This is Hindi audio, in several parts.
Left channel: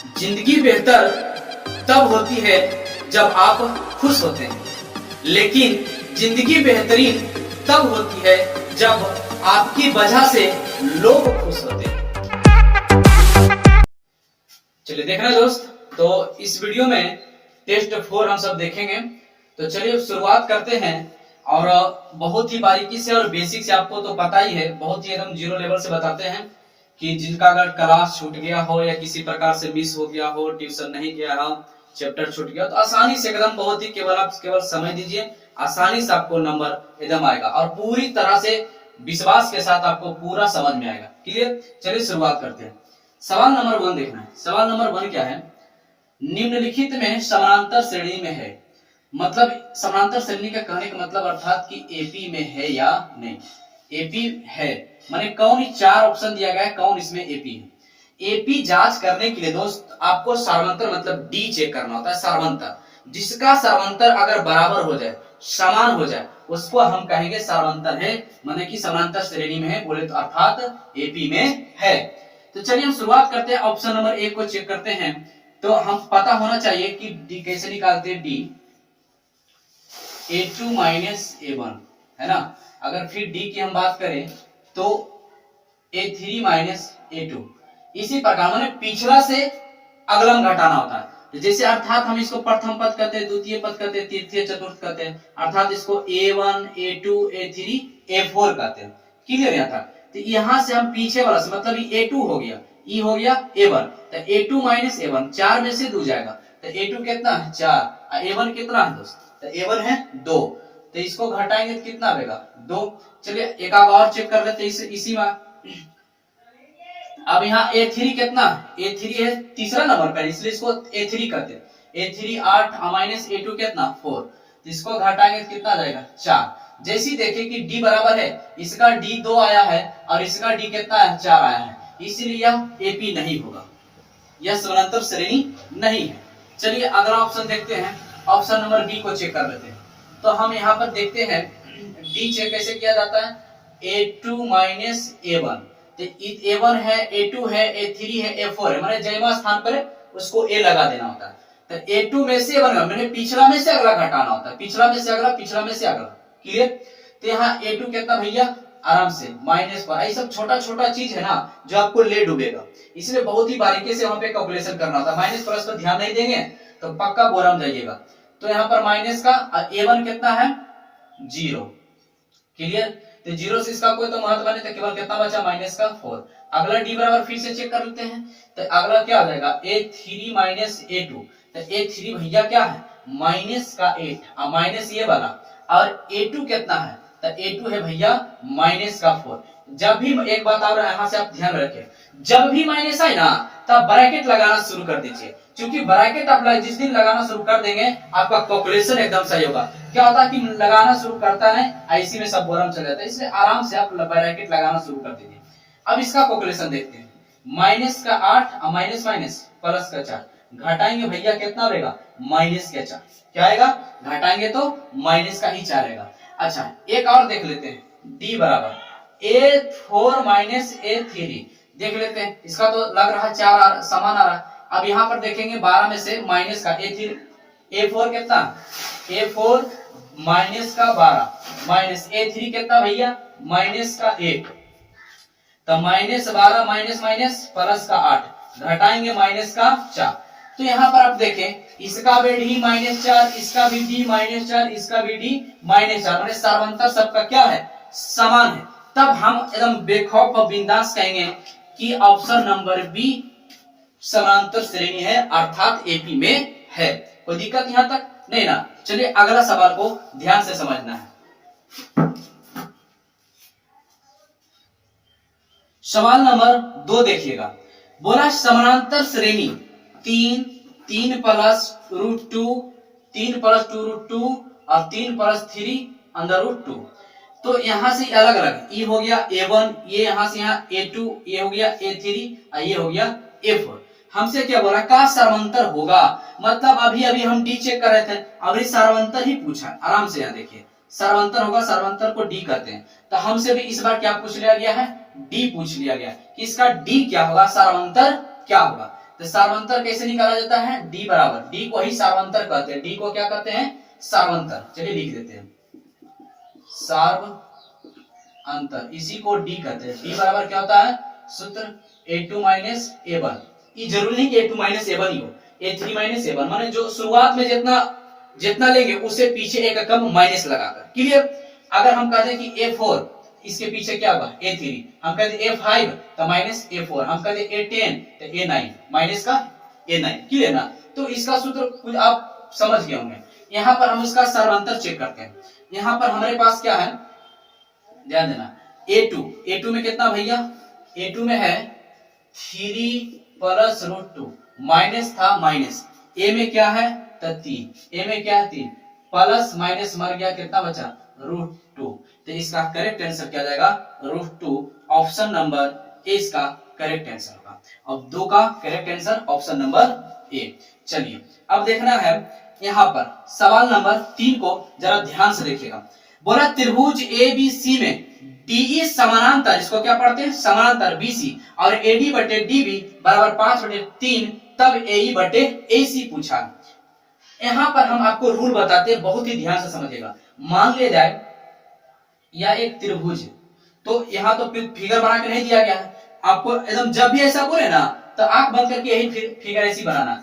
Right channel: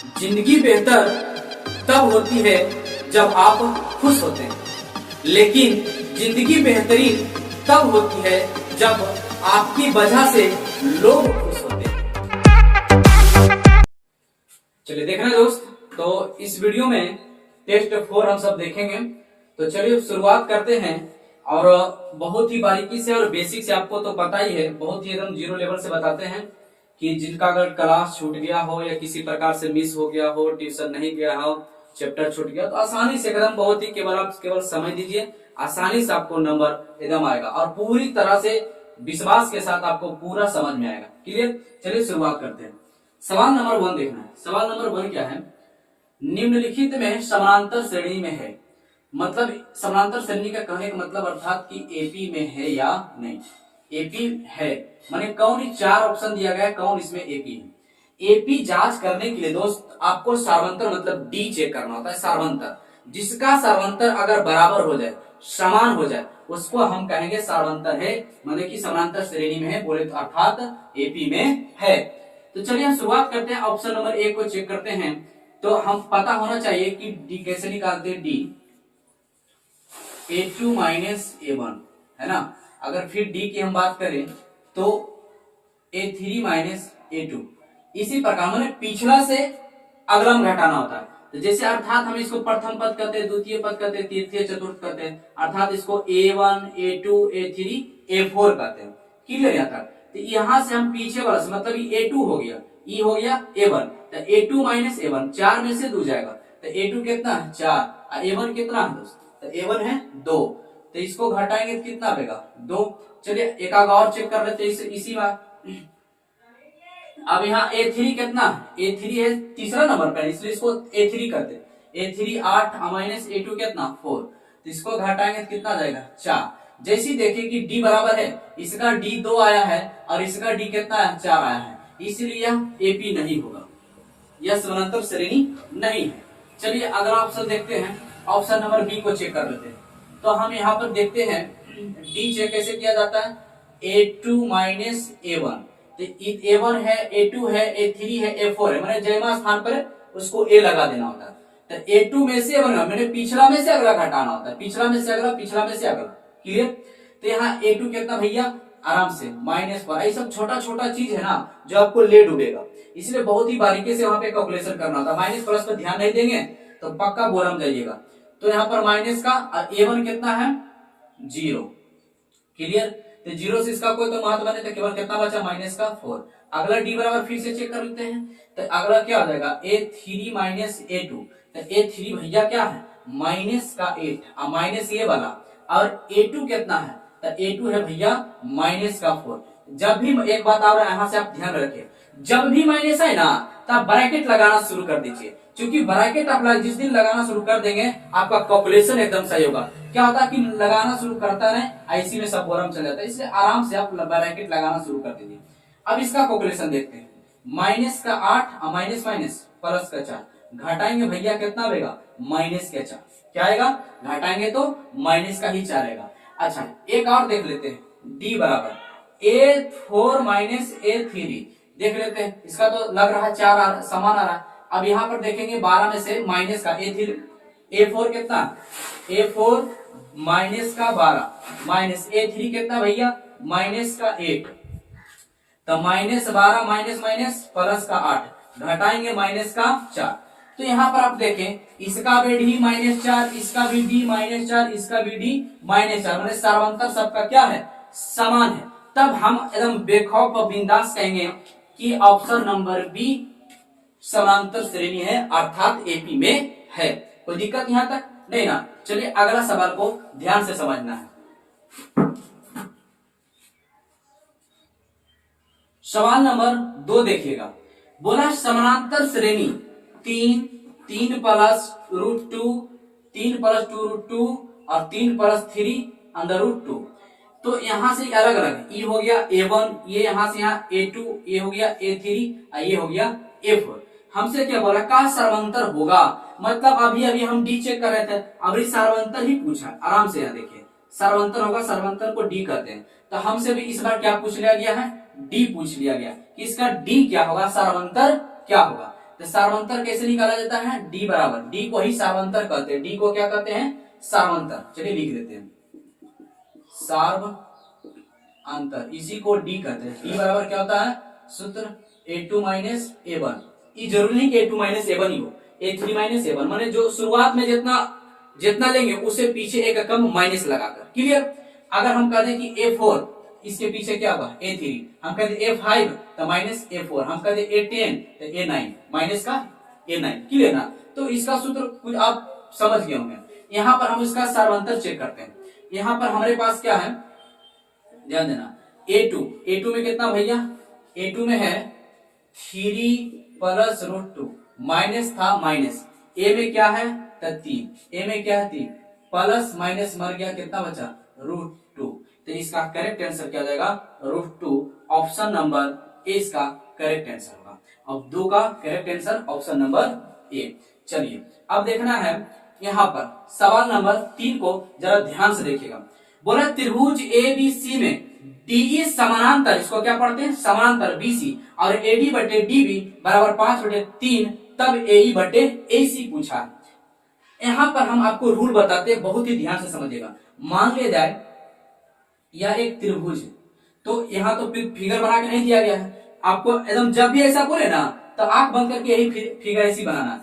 जिंदगी बेहतर तब होती है जब आप खुश होते हैं, लेकिन जिंदगी बेहतरीन तब होती है जब आपकी वजह से लोग खुश होते हैं। चलिए देखना दोस्त, तो इस वीडियो में टेस्ट 4 हम सब देखेंगे। तो चलिए शुरुआत करते हैं, और बहुत ही बारीकी से और बेसिक से, आपको तो पता ही है, बहुत ही एकदम जीरो लेवल से बताते हैं कि जिनका अगर क्लास छूट गया हो या किसी प्रकार से मिस हो गया हो, ट्यूशन नहीं गया हो, चैप्टर छूट गया, तो आसानी से एकदम बहुत ही केवल समय दीजिए, आसानी से आपको नंबर एकदम आएगा और पूरी तरह से विश्वास के साथ आपको पूरा समझ में आएगा। क्लियर? चलिए शुरुआत करते हैं। सवाल नंबर 1 देखना है। सवाल नंबर 1 क्या है? निम्नलिखित में समानांतर श्रेणी में है, मतलब समानांतर श्रेणी का कहने का मतलब अर्थात कि एपी में है या नहीं। एपी है माने कौन? 4 ऑप्शन दिया गया है, कौन इसमें एपी है। एपी जांच करने के लिए दोस्त आपको सार्वंतर मतलब डी चेक करना होता है। सार्वंतर, जिसका सार्वंतर अगर बराबर हो जाए, समान हो जाए, उसको हम कहेंगे सार्वंतर है, माने कि समानांतर श्रेणी में है, बोले तो अर्थात एपी में है। तो चलिए हम शुरुआत करते हैं, ऑप्शन नंबर 1 को चेक करते हैं। तो हम पता होना चाहिए कि डी कैसे निकालते हैं। डी A2 माइनस A1 है ना। अगर फिर डी की हम बात करें तो A3 माइनस A2। इसी प्रकार मैंने पिछला से अगला में घटाना होता है। तो जैसे अर्थात हम इसको प्रथम पद कहते हैं, द्वितीय पद कहते हैं, तृतीय चतुर्थ कहते हैं, अर्थात इसको A1 A2 A3 A4 कहते हैं। क्लियर यहाँ तक? तो यहाँ से हम पीछे वाला से मतलब A2 हो गया, E हो गया A1, तो A2 माइनस A1 4 में से 2 जाएगा, तो A2 कितना है 4, A1 कितना है दोस्त? तो A1 है 2, तो इसको घटाएंगे तो कितना आएगा 2। चलिए एक और चेक कर लेते हैं इसी में। अब यहाँ A3 कितना? A3 है तीसरा नंबर पर, इसलिए इसको A3 कहते हैं। A3 8 माइनस A2 कितना 4, तो इसको घटाएंगे तो कितना जाएगा 4। जैसी देखिए कि D बराबर है, इसका D 2 आया है और इसका D कितना है 4 आया है, इसलिए यह एपी नहीं होगा, यह समानांतर श्रेणी नहीं है। चलिए अगला ऑप्शन देखते हैं, ऑप्शन नंबर बी को चेक कर लेते हैं। तो हम यहाँ पर देखते हैं डी चेक कैसे किया जाता है। A2 माइनस A1, तो A1 है, A2 है, A3 है, A4 है, मैंने जयमा स्थान पर उसको A लगा देना होता है। तो A2 में से A1 मैंने पिछला में से अगला घटाना होता है, पिछला में से अगला, पिछला में से अगला। क्लियर? तो यहाँ A2 कितना भैया? आराम से -1। ये सब छोटा छोटा चीज है ना जो आपको ले डूबेगा, इसलिए बहुत ही बारीकी से वहां पे कैलकुलेशन करना होता है। माइनस प्लस पर ध्यान नहीं देंगे तो पक्का बोरम जाइएगा। तो यहाँ पर माइनस का A1 कितना है 0। क्लियर? तो 0 से इसका कोई तो महत्व नहीं, तो केवल कितना बचा माइनस का 4। अगला डी बराबर फिर से चेक कर लेते हैं, तो अगला क्या हो जाएगा A3 माइनस A2। तो A3 भैया क्या है माइनस का 8, माइनस ये वाला, और A2 कितना है? तो A2 है भैया माइनस का 4। जब भी एक बात और यहाँ से आप ध्यान रखें, जब भी माइनस आए ना तब ब्रैकेट लगाना शुरू कर दीजिए, क्योंकि ब्रैकेट आप जिस दिन लगाना शुरू कर देंगे आपका कैलकुलेशन एकदम सही होगा। क्या होता है कि लगाना शुरू करता है इसी में सब बोरम चल जाता है, इसलिए आराम से आप ब्रैकेट लगाना शुरू कर दीजिए। अब इसका कैलकुलेशन देखते हैं। माइनस का 8 माइनस माइनस प्लस का 4, घटाएंगे भैया कितना आएगा माइनस का 4। क्या आएगा? घटाएंगे तो माइनस का ही 4 आएगा। अच्छा एक और देख लेते हैं, डी बराबर A4 माइनस A3 देख लेते हैं। इसका तो लग रहा है 4 समान आ रहा है। अब यहाँ पर देखेंगे 12 में से माइनस का A4 कितना? A4 माइनस का 12 माइनस A3 कितना भैया माइनस का 8, तो -12 माइनस माइनस प्लस का 8, घटाएंगे माइनस का 4। तो यहाँ पर आप देखें इसका भी डी -4, इसका भी डी -4, इसका भी डी -4, माने सार्वंतर सबका क्या है समान है। तब हम एकदम बेखौफ और बिंदास कहेंगे कि ऑप्शन नंबर बी समांतर श्रेणी है, अर्थात एपी में है। कोई दिक्कत यहां तक नहीं ना? चलिए अगला सवाल को ध्यान से समझना है। सवाल नंबर 2 देखिएगा, बोला समानांतर श्रेणी 3 प्लस √2, 3 प्लस 2√2 और 3 प्लस 3 √2। तो यहां से अलग अलग, ये हो गया A1, ये यहां से यहाँ A2, ये हो गया A3 और ये हो गया A4। हमसे क्या बोला का सार्वंतर होगा, मतलब अभी अभी हम डी चेक कर रहे थे, अभी सार्वंतर ही पूछा। आराम से यहाँ देखिए सार्वंतर होगा, सार्वंतर को डी कहते हैं। तो हमसे भी इस बार क्या पूछ लिया गया है डी पूछ लिया गया कि इसका डी क्या होगा, सार्वंतर क्या होगा। तो सार्वंतर कैसे निकाला जाता है, डी बराबर, डी को ही सार्वंतर कहते हैं, डी को क्या कहते हैं, सार्वंतर। चलिए लिख देते हैं, सार्वअंतर, इसी को डी कहते हैं। डी बराबर क्या होता है, सूत्र A2 माइनस A1। ये जरूरी नहीं कि A2 माइनस A1 ही हो, A3 माइनस A1, माने जो शुरुआत में जितना लेंगे उससे पीछे एक कम माइनस लगाकर। क्लियर। अगर हम कहते हैं कि A4, इसके पीछे क्या होगा, A3, हम कहते हैं A5 तो माइनस A4, हम कहते हैं A10 तो A9, माइनस का A9। क्लियर ना। तो इसका सूत्र कुछ आप समझ गए होंगे। यहाँ पर हम इसका सार्वंतर चेक करते हैं। यहाँ पर हमारे पास क्या है, ध्यान देना, A2 में कितना भैया, A2 में है 3 प्लस √2, माइनस था माइनस, A में क्या है तो 3, A में क्या है 3, प्लस माइनस मर गया, कितना बचा √2। तो इसका करेक्ट आंसर क्या जाएगा, √2। ऑप्शन नंबर ए इसका करेक्ट आंसर होगा। अब 2 का correct answer option number A. चलिए अब देखना है यहाँ पर सवाल नंबर 3 को जरा ध्यान से देखिएगा। बोला त्रिभुज ABC में DE समानांतर, इसको क्या पढ़ते हैं, समानांतर BC, और AD बटे DB बराबर 5/3, तब AE बटे AC पूछा। यहाँ पर हम आपको रूल बताते हैं, बहुत ही ध्यान से समझिएगा। मान लिया जाए यह एक त्रिभुज है, तो यहाँ तो फिगर बना के नहीं दिया गया है आपको, एकदम जब भी ऐसा बोले ना तो आंख बंद करके यही फिगर ऐसी बनाना।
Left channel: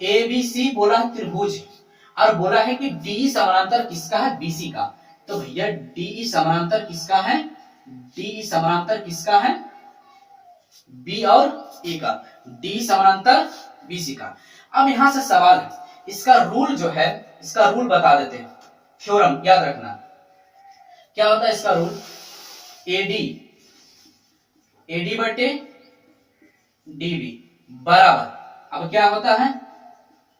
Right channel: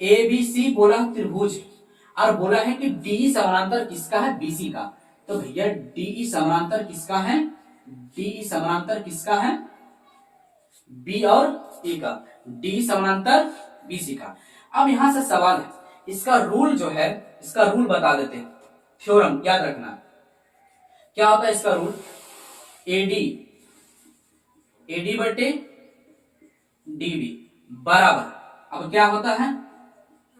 ABC बोला त्रिभुज, और बोला है कि DE समानांतर किसका है, BC का। तो भैया DE समानांतर किसका है, DE समानांतर किसका है, B और E का, DE समानांतर BC का। अब यहां से सवाल है, इसका रूल जो है, इसका रूल बता देते हैं, थ्योरम याद रखना। क्या होता है इसका रूल, AD बटे DB बराबर, अब क्या होता है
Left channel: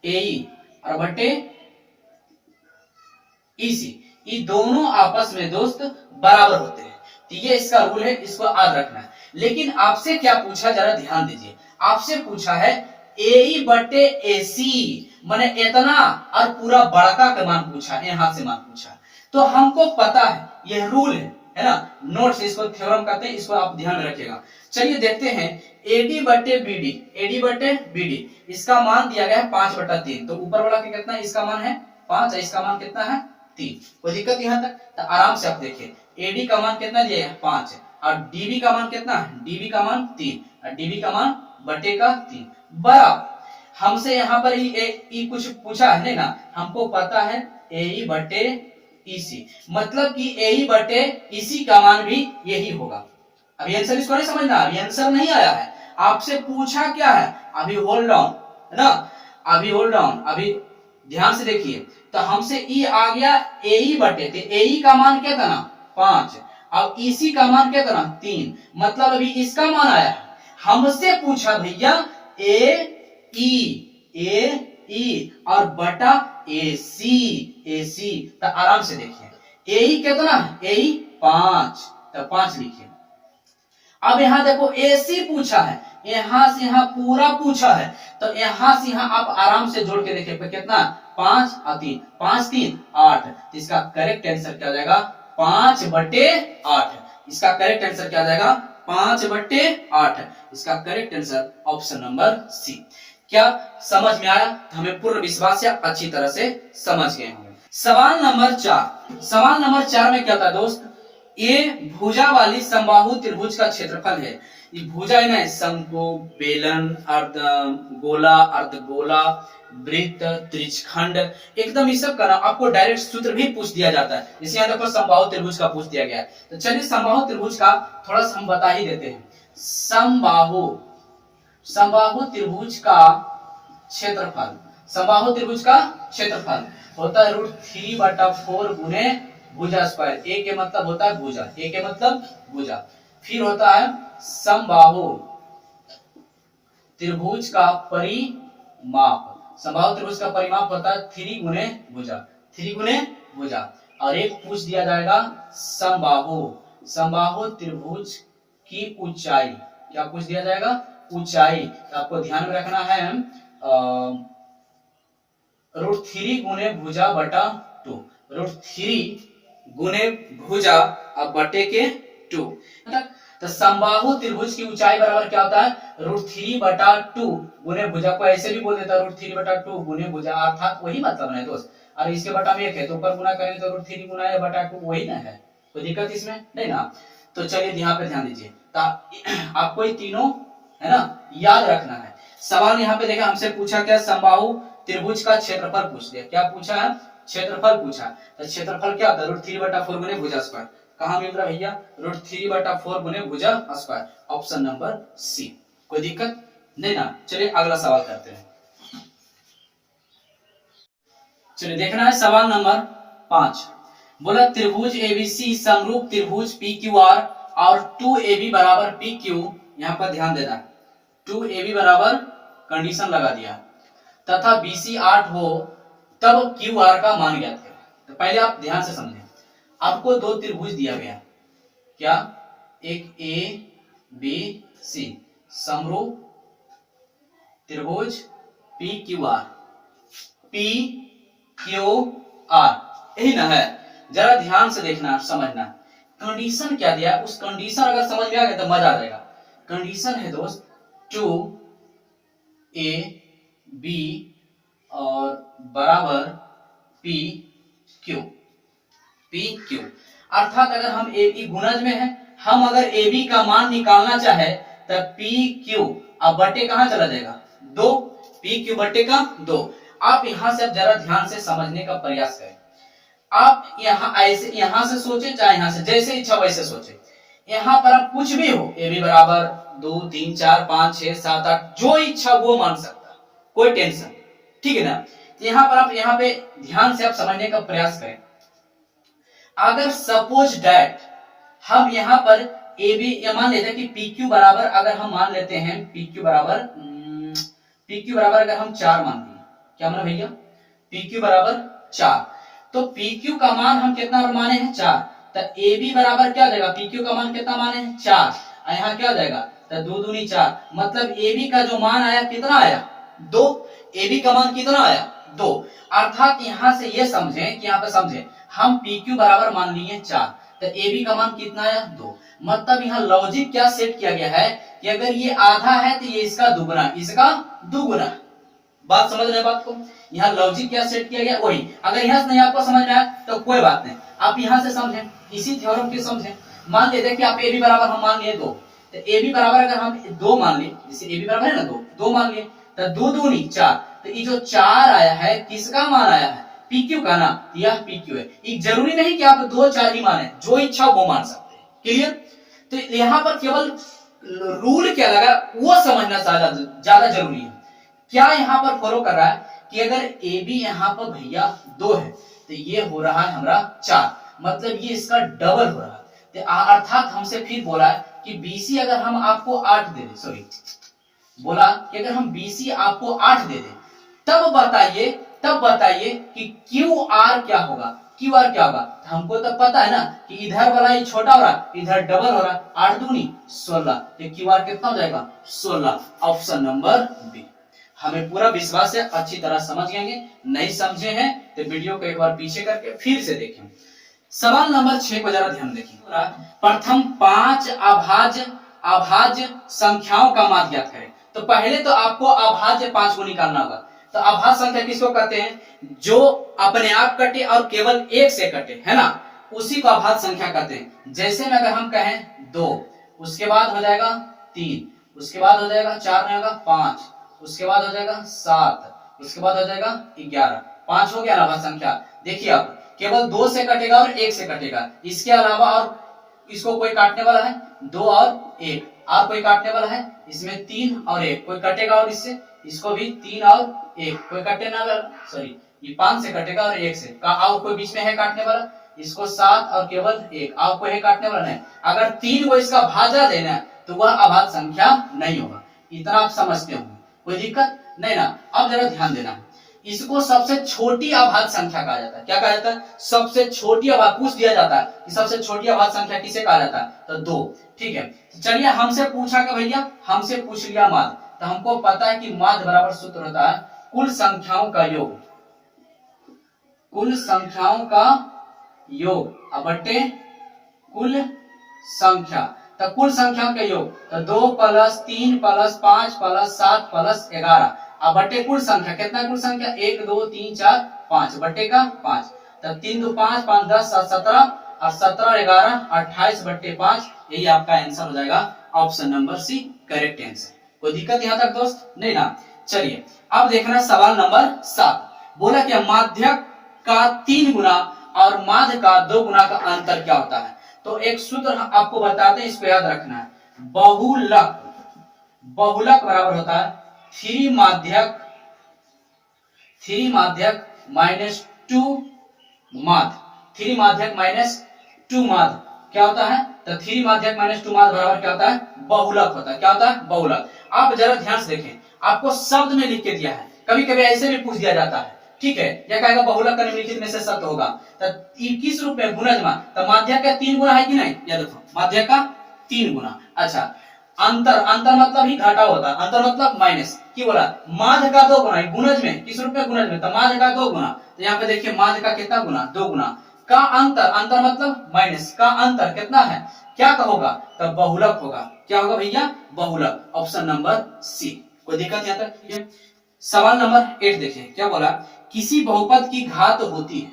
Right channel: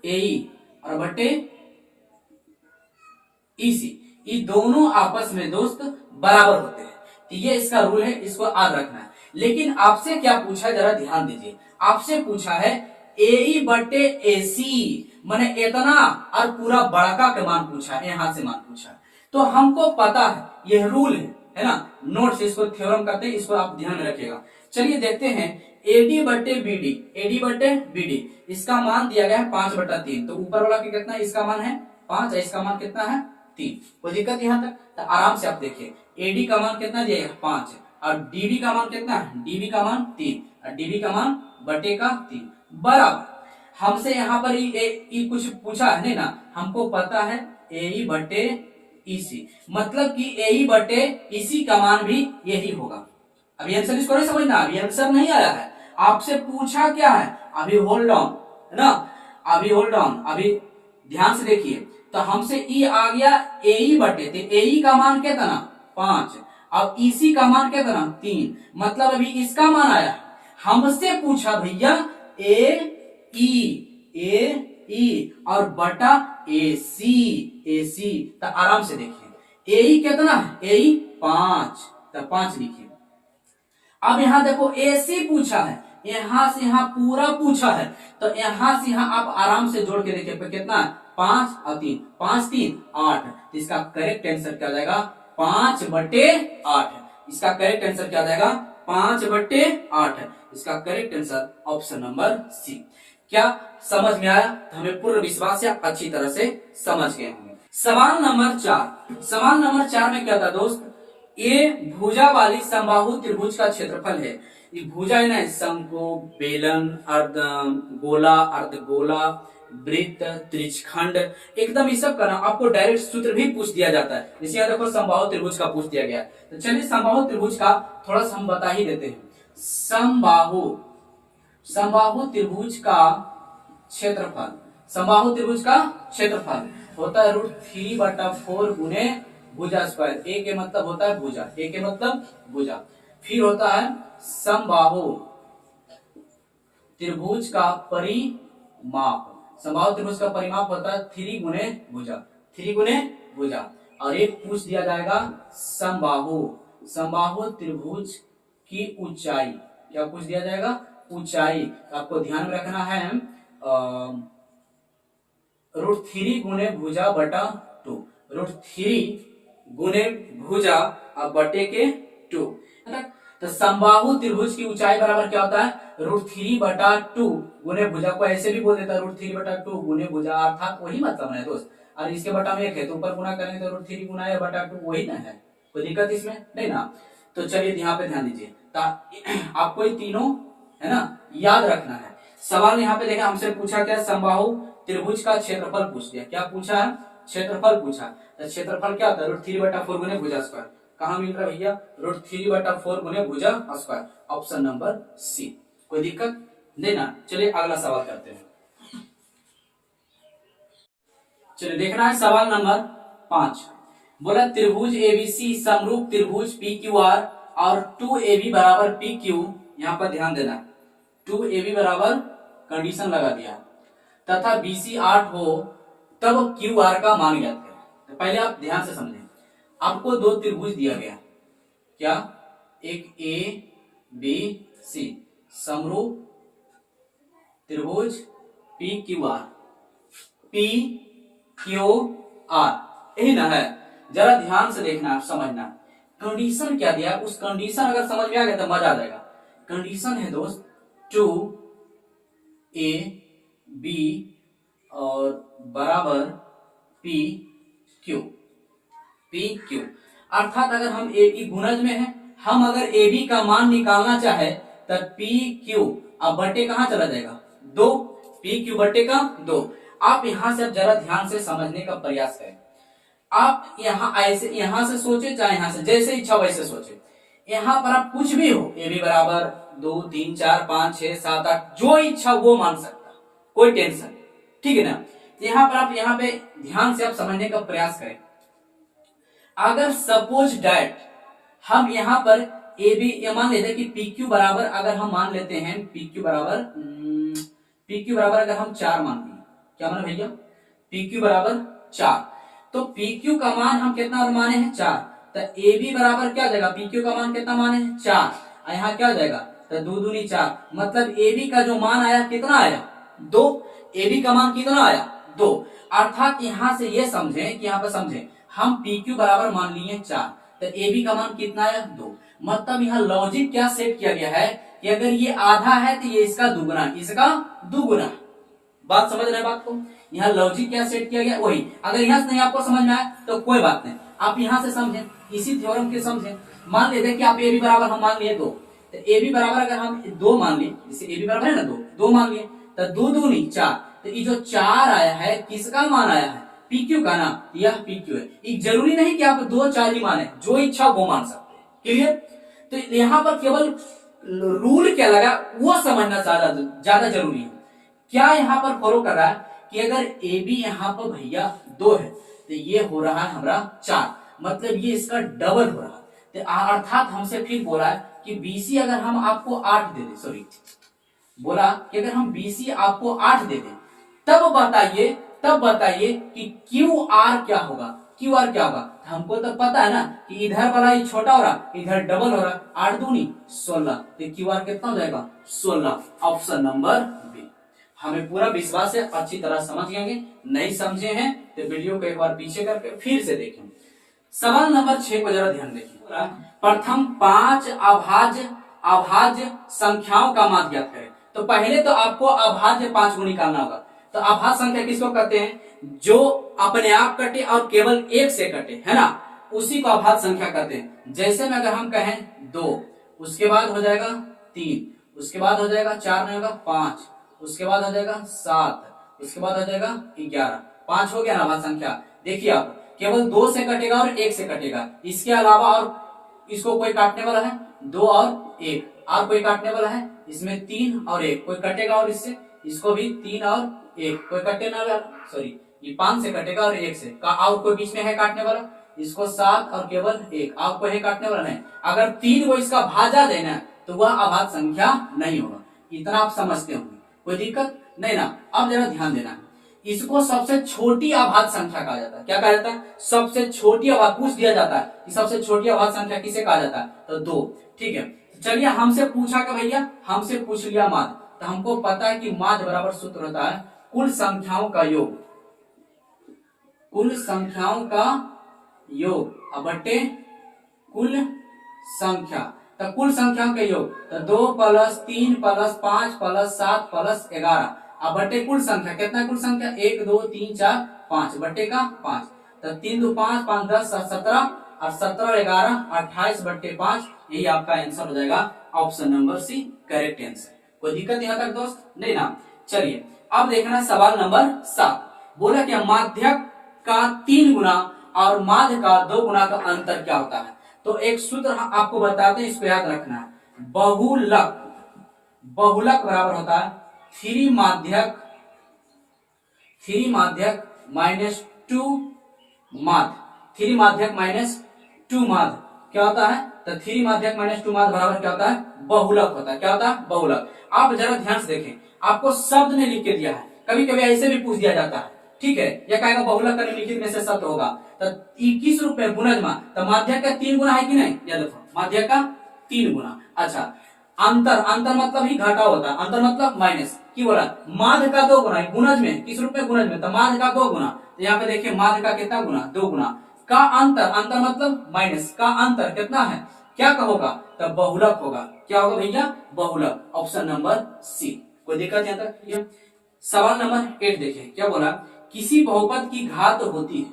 AE और बटे EC, ये दोनों आपस में दोस्त बराबर होते हैं। तो ये इसका रूल है, इसको याद रखना है। लेकिन आपसे क्या पूछा, जरा ध्यान दीजिए, आपसे पूछा है AE बटे AC, माने इतना और पूरा बड़का का मान पूछा है, यहां से मान पूछा। तो हमको पता है यह रूल है ना, नोट से इसको थ्योरम कहते हैं, इसको आप ध्यान में रखिएगा। चलिए देखते हैं AD बटे BD, इसका मान दिया गया है 5/3, तो ऊपर वाला का कितना, इसका मान है 5 और इसका मान कितना है 3। कोई दिक्कत यहां तक, तो आराम से आप देखिए, AD का मान कितना दिया है 5, और DB का मान कितना है, DB का मान 3, और DB का मान बटे का 3 बराबर। हमसे यहाँ पर ये कुछ पूछा है नहीं ना, हमको पता है AE बटे EC, मतलब कि AE बटे EC का मान भी यही होगा। अभी आंसर इसको नहीं समझना, अभी आंसर नहीं आया है, आपसे पूछा क्या है, अभी होल्ड ऑन है ना, अभी होल्ड ऑन, अभी ध्यान से देखिए। तो हमसे E आ गया AE बटे, तो AE का मान क्या था ना 5, अब EC का मान क्या था ना 3, मतलब अभी इसका मान आया है। हमसे पूछा भैया AE और बटा AC, तो आराम से देखिए AE कितना है, AE 5, तो 5 लिखिए। अब यहां देखो AC पूछा है, यहां से यहां पूरा पूछा है, तो यहां से यहां आप आराम से जोड़ के देखिए कितना, 5 और 3, 5 3 8, तो इसका करेक्ट आंसर क्या हो जाएगा 5/8। इसका करेक्ट आंसर क्या हो जाएगा 5/8। इसका correct answer option number C. क्या समझ में आया, तो हमें पूर्ण विश्वास या अच्छी तरह से समझ गए होंगे। सवाल नंबर 4, सवाल नंबर 4 में क्या था दोस्त, ये भुजा वाली समबाहु त्रिभुज का क्षेत्रफल है। ये भुजा है ना, शंकु, बेलन, गोला, अर्धगोला, वृत्त, त्रिज्यखंड, एकदम ये सब का ना आपको डायरेक्ट सूत्र भी पूछ दिया जाता है। जैसे यहाँ देखो समबाहु त्रिभुज का पूछ दिया गया है, तो चलिए समबाहु त्रिभुज का थोड़ा सा हम बता ही देते हैं। समबाहु त्रिभुज का क्षेत्रफल, समबाहु त्रिभुज का क्षेत्रफल होता है √3/4 गुने भुजा स्क्वायर। ए के मतलब होता है भुजा, ए के मतलब भुजा। फिर होता है समबाहु त्रिभुज का परिमाप, समबाहु त्रिभुज का परिमाप होता है 3 गुने भुजा, 3 गुने भुजा। और एक पूछ दिया जाएगा समबाहु त्रिभुज की ऊंचाई, क्या पूछ दिया जाएगा, ऊंचाई। आपको ध्यान में रखना है √3 गुने भुजा बटा 2, √3 गुने भुजा और बटे के 2। तो समबाहु त्रिभुज की ऊंचाई बराबर क्या होता है, √3/2 गुने भुजा, को ऐसे भी बोल देता है √3/2 गुने भुजा, अर्थात वही मतलब है दोस्त। और इसके बटा में 1 है तो ऊपर गुना करेंगे तो √3 गुना 1/2 वही ना है, कोई दिक्कत इसमें नहीं ना। तो चलिए यहाँ पे ध्यान दीजिए, आपको ये तीनों है ना याद रखना है। सवाल यहाँ पे देखा हमसे पूछा क्या, समबाहु त्रिभुज का क्षेत्रफल पूछ दिया, क्या पूछा है, क्षेत्रफल पूछा। तो क्षेत्रफल क्या होता है, √3/4 गुने भुजा स्क्वायर, कहां मिल रहा है भैया, √3/4 गुने भुजा स्क्वायर, ऑप्शन नंबर सी, कोई दिक्कत नहीं ना। चलिए अगला सवाल करते हैं। चलिए देखना है सवाल नंबर 5, बोला त्रिभुज एबीसी समरूप त्रिभुज PQR और 2AB बराबर PQ, यहां पर ध्यान देना 2AB बराबर कंडीशन लगा दिया, तथा BC 8 हो तब QR का मान ज्ञात करें। तो पहले आप ध्यान से समझें, आपको दो त्रिभुज दिया गया, क्या, एक ABC समरूप त्रिभुज PQR, यही ना है, जरा ध्यान से देखना समझना, कंडीशन क्या दिया, उस कंडीशन अगर समझ में आ गया तो मजा आ जाएगा। कंडीशन है दोस्त 2AB और बराबर PQ, अर्थात अगर हम AB गुणज में है, हम अगर AB का मान निकालना चाहे तब PQ अब बटे कहां चला जाएगा, 2, PQ बटे का 2। आप यहां से अब जरा ध्यान से समझने का प्रयास करें, आप यहां ऐसे यहां से सोचे चाहे यहां से, जैसे इच्छा वैसे सोचे, यहां पर आप कुछ भी हो, AB बराबर 2, 3, 4, 5, 6, 7, 8 जो इच्छा वो मान सकता, कोई टेंशन, ठीक है ना। तो यहां पर आप यहाँ पे ध्यान से आप समझने का प्रयास करें, अगर सपोज डैट हम यहां पर AB या मान लेते हैं कि PQ बराबर, अगर हम मान लेते हैं PQ बराबर अगर हम 4 मान दिए, क्या माना भैया, PQ बराबर 4, तो PQ का मान हम कितना माने हैं 4, तो AB बराबर क्या हो जाएगा, PQ का मान कितना माने हैं 4, यहाँ क्या हो जाएगा, तो 2 दूनी 4, मतलब AB का जो मान आया कितना आया 2, AB का मान कितना आया 2, अर्थात यहां से ये समझें कि यहाँ पे समझें हम PQ बराबर मान लिए 4, तो AB का मान कितना आया 2, मतलब यहाँ लॉजिक क्या सेट किया गया है कि अगर ये आधा है तो ये इसका दुगुना, इसका दुगुना, बात समझ रहे बात को, यहाँ लॉजिक क्या सेट किया गया वही। अगर यहाँ से नहीं आपको समझ में आया तो कोई बात नहीं, आप यहाँ से समझें, इसी थ्योरम के समझें। मान लेते हैं कि आप AB बराबर हम मान लिए 2, तो AB बराबर अगर हम 2 मान लिए, जैसे AB बराबर है ना 2 मान लिए, तो 2 दूनी 4, तो ये जो 4 आया है किसका मान आया है, PQ का ना, यह PQ है। ये जरूरी नहीं कि आप 2, 4 ही माने, जो इच्छा वो मान सकते हैं, क्लियर। तो यहाँ पर केवल रूल क्या लगा वो समझना ज्यादा जरूरी है। क्या यहाँ पर फॉलो कर रहा है कि अगर AB यहाँ पर भैया 2 है तो ये हो रहा है हमारा 4, मतलब ये इसका डबल हो रहा है, तो अर्थात हमसे फिर बोला है कि BC अगर हम आपको 8 दे दे, सॉरी बोला कि अगर हम BC आपको 8 दे दे तब बताइए कि QR क्या होगा, QR क्या होगा। तो हमको तो पता है ना कि इधर वाला ये छोटा हो रहा, इधर डबल हो रहा, 8 दूनी 16, तो QR कितना हो जाएगा 16, ऑप्शन नंबर बी। हमें पूरा विश्वास है अच्छी तरह समझ गए, नहीं समझे हैं तो वीडियो को एक बार पीछे करके फिर से देखें। सवाल नंबर 6 को जरा ध्यान देखिए, प्रथम 5 अभाज्य संख्याओं का मान ज्ञात करें। तो पहले तो आपको अभाज्य 5 को निकालना होगा। तो अभाज्य संख्या किसको कहते हैं, जो अपने आप कटे और केवल 1 से कटे, है ना, उसी को अभाज्य संख्या कहते हैं। जैसे में अगर हम कहें 2, उसके बाद हो जाएगा 3, उसके बाद हो जाएगा 4 नहीं होगा 5, उसके बाद हो जाएगा 7, उसके बाद हो जाएगा 11, 5 हो गया ना अभाज्य संख्या। देखिए आप केवल 2 से कटेगा और 1 से कटेगा, इसके अलावा और इसको कोई काटने वाला है 2 और 1, और कोई काटने वाला है इसमें 3 और 1, कोई कटेगा और इसको भी 3 और 1, कोई कटे ना वाला, सॉरी ये 5 से कटेगा और 1 से और कोई बीच में है काटने वाला, इसको 7 और केवल 1, और कोई है काटने वाला नहीं। अगर 3 को इसका भाजा देना तो वह अभाज्य संख्या नहीं होगा, इतना आप समझते होंगे, कोई दिक्कत नहीं ना। अब जरा ध्यान देना, इसको सबसे छोटी अभाज्य संख्या कहा जाता है। क्या कहा जाता है, सबसे छोटी अभाज्य, पूछ दिया जाता है कि सबसे छोटी अभाज्य संख्या किसे कहा जाता है, तो 2, ठीक है। चलिए हमसे पूछा कि भैया, हमसे पूछ लिया माध्य, तो हमको पता है कि माध्य बराबर सूत्र होता है कुल संख्याओं का योग, कुल संख्याओं का योग बटे कुल संख्या। तो कुल संख्याओं का योग तो 2 प्लस 3 प्लस 5 प्लस 7 प्लस 11 अब बटे कुल संख्या कितना, कुल संख्या 1 2 3 4 5 बटे का 5, तब 3 2 5 5 10 7 17 और 17 11 28 बटे 5, यही आपका आंसर हो जाएगा option number C correct answer. कोई दिक्कत यहाँ तक दोस्त नहीं ना। चलिए अब देखना सवाल नंबर 7, बोला कि माध्यक का 3 गुना और माध्य का 2 गुना का अंतर क्या होता है। तो एक सूत्र आपको बताते हैं, इसको याद रखना है। बहुलक, बहुलक बराबर होता है 3 माध्यक माइनस 2 माध्य, 3 माध्यक माइनस 2 माध्य क्या होता है, तो 3 माध्यक माइनस 2 माध्य बराबर क्या होता है, बहुलक होता है। क्या होता है, बहुलक। आप जरा ध्यान से देखें, आपको शब्द में लिख के दिया है, कभी कभी ऐसे भी पूछ दिया जाता है, ठीक है। यह कहेगा बहुलक का निम्नलिखित में से सत्य होगा, तो किस रूप में, गुणजमा, तो माध्यक का 3 गुना है कि नहीं, या देखो माध्यक का 3 गुना। अच्छा अंतर, अंतर मतलब ही घाटा होता है, अंतर मतलब माइनस, की बोला माध्य का 2 गुना, गुणज में किस रूप में, गुणज में, तो माध्य का 2 गुना, तो यहाँ पे देखिए माध्य का कितना गुना, 2 गुना, का अंतर, अंतर मतलब माइनस, का अंतर कितना है, क्या का होगा, तो बहुलक होगा। क्या होगा भैया, बहुलक, ऑप्शन नंबर सी। कोई दिक्कत यहाँ तक। सवाल नंबर 8 देखिए क्या बोला, किसी बहुपद की घात होती है,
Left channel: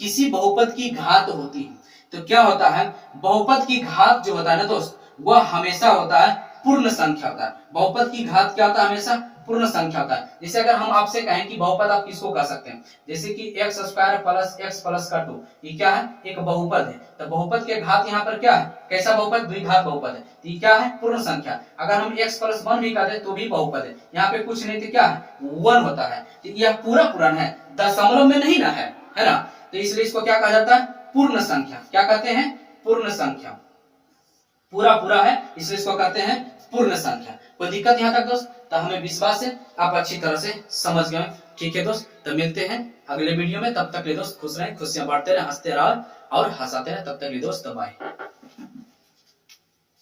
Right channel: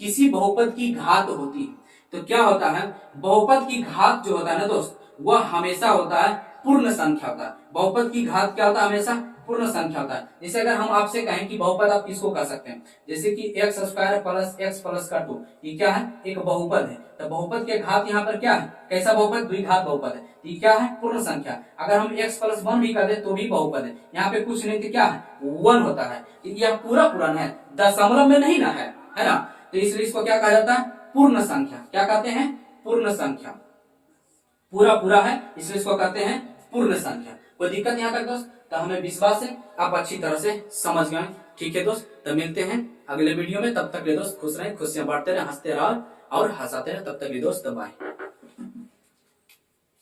किसी बहुपद की घात होती है, तो क्या होता है, बहुपद की घात जो होता है ना दोस्त, वह हमेशा होता है पूर्ण संख्या होता है। बहुपद की घात क्या होता है, हमेशा पूर्ण संख्या होता है। जैसे अगर हम आपसे कहें कि बहुपद आप किसको कह सकते हैं, जैसे कि x square plus x plus का 2, ये क्या है, एक बहुपद है। तो बहुपद के घात यहाँ पर क्या है, कैसा बहुपद, द्विघात बहुपद है, ये क्या है, पूर्ण संख्या। अगर हम x प्लस 1 भी कहते तो भी बहुपद है, यहाँ पे कुछ नहीं तो क्या है, 1 होता है। यह पूरा पूर्ण है, दशमलव में नहीं ना है ना, तो इसलिए इसको क्या कहा जाता है, पूर्ण संख्या। क्या कहते हैं, पूर्ण संख्या, पूरा पूरा है इसलिए इसको कहते हैं पूर्ण संख्या। कोई दिक्कत यहाँ तक दोस्त, तो हमें विश्वास है आप अच्छी तरह से समझ गए। ठीक है दोस्त, तो मिलते हैं अगले वीडियो में, तब तक ले दोस्त खुश रहें, खुशियां बांटते रहे, हंसते रहो और हंसाते रहे, तब तक ले दोस्त बाय।